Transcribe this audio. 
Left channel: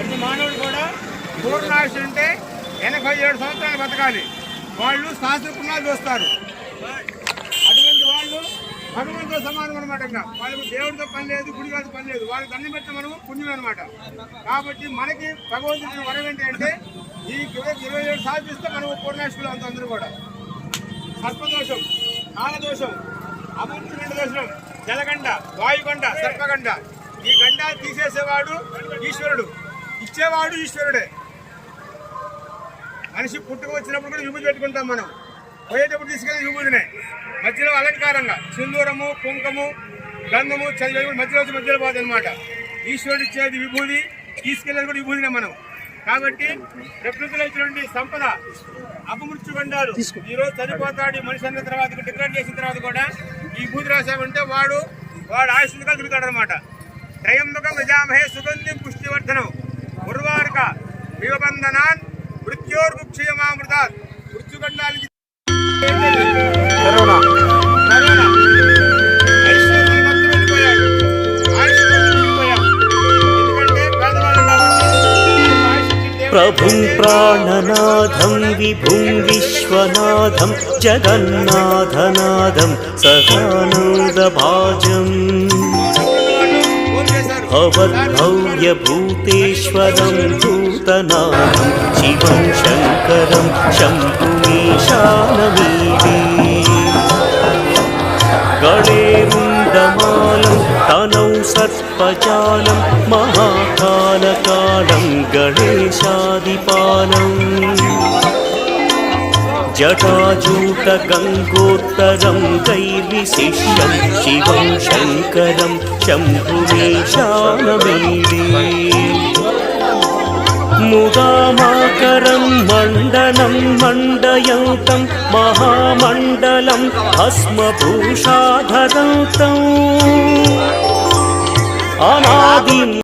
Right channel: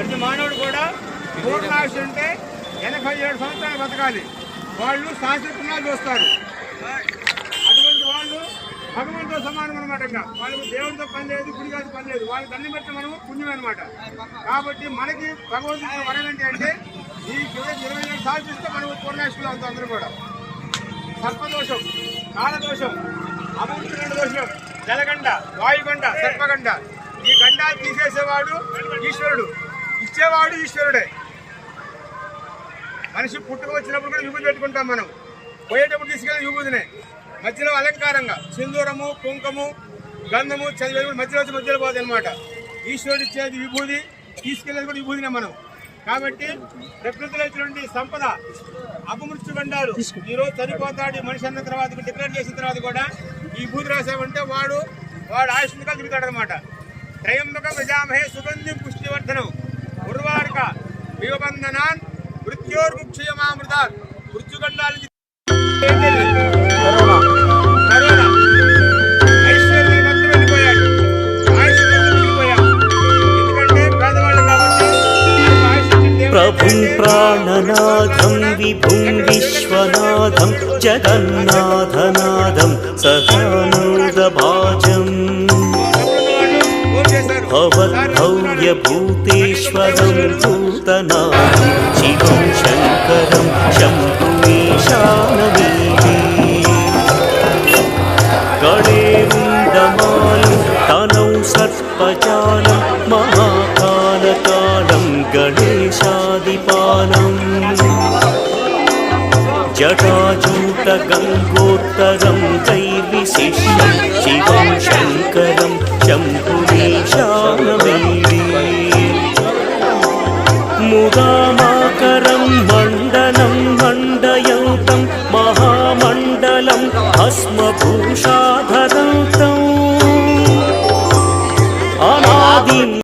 ప్రతి మానవుడు కూడా పూర్ణాయుష్ అంటే 87 సంవత్సరాలు బతకాలి. వాళ్ళు శాస్త్రజ్ఞాలు చూస్తారు. అటువంటి వాళ్ళు భగవంతుతో సమానం అనమాట. వాళ్ళకి దేవుడితో పని లేదు, గుడిగాతో పని లేదు. వాళ్ళకి దండం పెట్టి మనం పుణ్యం అనమాట. కాబట్టి మనకి భగవంతుడు వరం ఏంటి అంటే ఈ 27 సాధిస్తే మనం పూర్ణాయుష్లో అవుతాం. అందరూ కూడా సర్పదోషం, కాలదోషం, అభివృద్ధి దోషం, జలగండ, వాయుగండ, సర్పగండ, ఈ గండాలు తీసేసేవాడు ఈశ్వరుడు, ఇచ్చేవాడు ఈశ్వరుడే. మనిషి పుట్టుకు వచ్చినప్పుడు కూడా విభూతి పెట్టుకుంటాం మనం, పోయేటప్పుడు తీసుకెళ్ళి విభూతినే. మధ్యలో అలంకారంగా సింధూరము, కుంకము, గంధము, చదివేది మధ్యలో వచ్చి మధ్యలో పోతుంది అనమాట. ఈశ్వరుడు ఇచ్చేది విభూతి, తీసుకెళ్ళేది కూడా విభూతినే మనం. కాబట్టి ప్రకృతిలో ఇచ్చినటువంటి సంపద అపమృత్యు గండాలు. ఈరోజు చనిపోతాడు మనిషి అన్న తర్వాత డిక్లేర్ చేసిన తర్వాత కూడా ఈ విభూతి రాసామంటే వాడు ఆయుష్గా తిరుగుతాడు అనమాట. త్రయంబక ప్రజామహే సుగంధి పుష్టివర్ధనం ఉర్వారుక వివబంధనాన్ మృత్యోర్ముక్షయమామృతాత్. మృత్యుగండాలకి ప్రభుం ప్రాణనాథం విభుం విశ్వనాథం జగన్నాథనాథం సదానందభాజం భవద్భవ్యభూతేశ్వరం భూతనాథం శివం శంకరం శంభుమీశానమీడే గణేరుండమాలం తనౌ సర్పజాలం మహాకాలకాలం గణేశాదిపాలం జటాజూట గంగోత్తరం దైర్విశిష్యం శివం శంకరం శంభుమీశానమీడే ముదామాకరం మండలం మండయంతం మహామండలం భస్మభూషాధరంతం అనా